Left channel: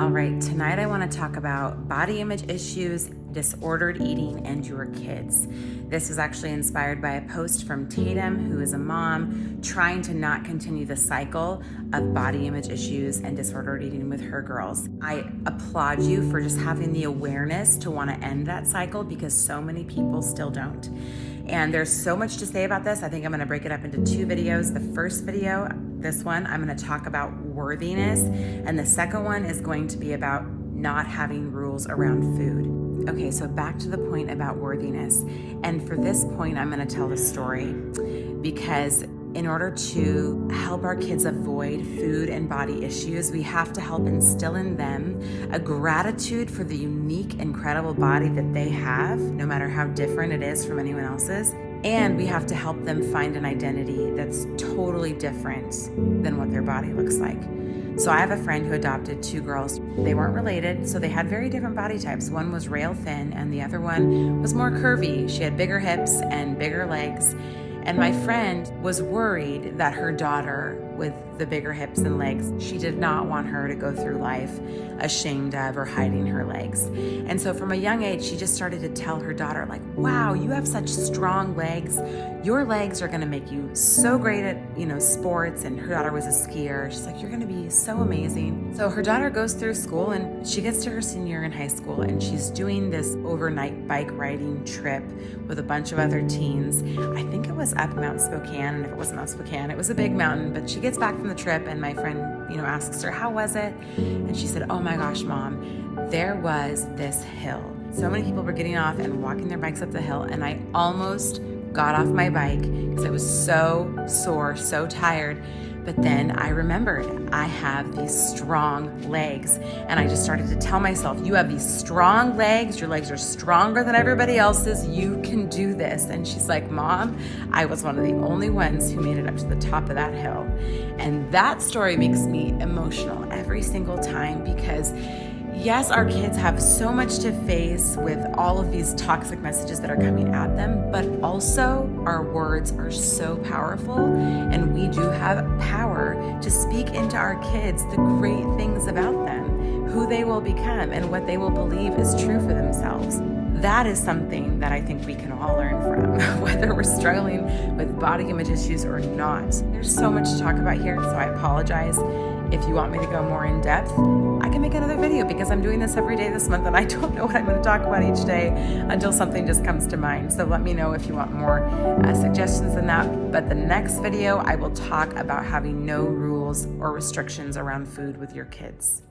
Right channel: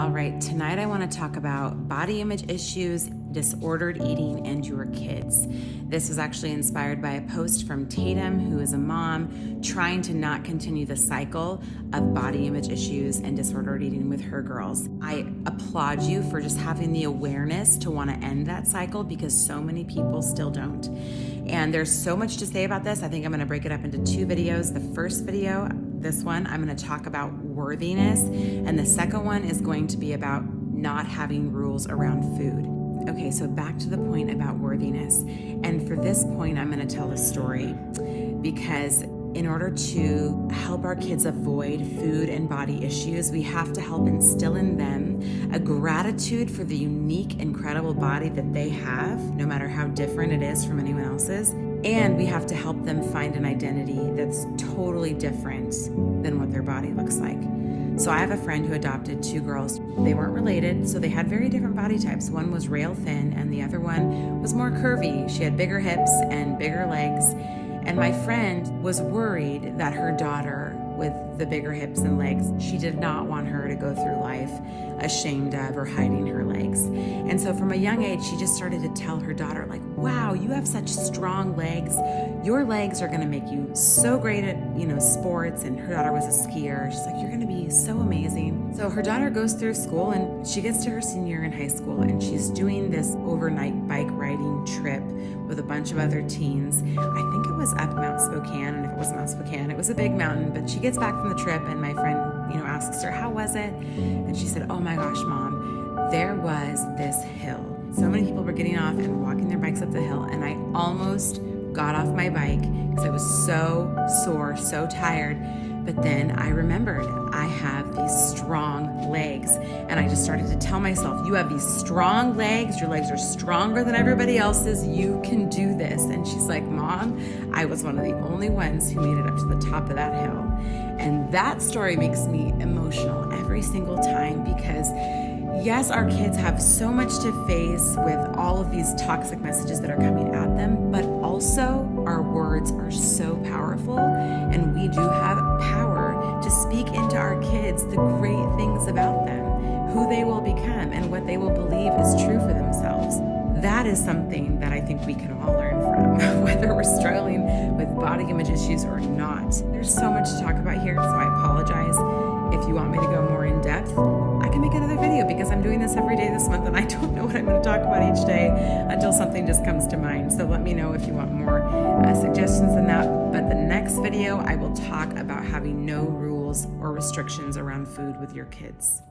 All right, tonight I want to talk about body image issues, disordered eating, and your kids. This is actually inspired by a post from Tatum, who is a mom trying to not continue the cycle of body image issues and disordered eating with her girls. I applaud you for just having the awareness to want to end that cycle, because so many people still don't. And there's so much to say about this. I think I'm going to break it up into two videos. The first video, this one, I'm going to talk about worthiness, and the second one is going to be about not having rules around food. Okay, so back to the point about worthiness. And for this point, I'm going to tell the story because in order to help our kids avoid food and body issues, we have to help instill in them a gratitude for the unique, incredible body that they have, no matter how different it is from anyone else's. And we have to help them find an identity that's totally different than what their body looks like. So I have a friend who adopted two girls. They weren't related, so they had very different body types. One was rail thin and the other one was more curvy. She had bigger hips and bigger legs. And my friend was worried that her daughter with the bigger hips and legs, she did not want her to go through life ashamed of or hiding her legs. And so from a young age, she just started to tell her daughter, like, wow, you have such strong legs. Your legs are gonna make you so great at, sports. And her daughter was a skier. She's like, you're gonna be so amazing. So her daughter goes through school and she gets to her senior year in high school and she's doing this overnight bike riding trip with a bunch of other teens. I think it was up Mount Spokane, and if it wasn't Mount Spokane, it was a big mountain. But she gets back from the trip and my friend, asks her, how was it? And she said, oh my gosh, Mom, there was this hill. So many people were getting off and walking their bikes up the hill, and I almost got off my bike because I was so sore, so tired. But then I remembered I have these strong legs, and I just started to tell myself, you have these strong legs. Your legs are stronger than everybody else's. You can do this. And she's like, Mom, I was one of the only ones who made it up to the top of that hill. And that story makes me emotional every single time because yes, our kids have so much to face with all of these toxic messages that are coming at them, but also our words are so powerful, and we do have power to speak into our kids the great things about them, who they will become, and what they will believe is true for themselves. That is something that I think we can all learn from, whether we're struggling with body image issues or not. There's so much to talk about here, so I apologize. If you want me to go more in depth, I can make another video because I'm doing this every day this month and I don't know what I'm going to talk about each day until something just comes to mind. So let me know if you want more suggestions than that. But the next video, I will talk about having no rules or restrictions around food with your kids.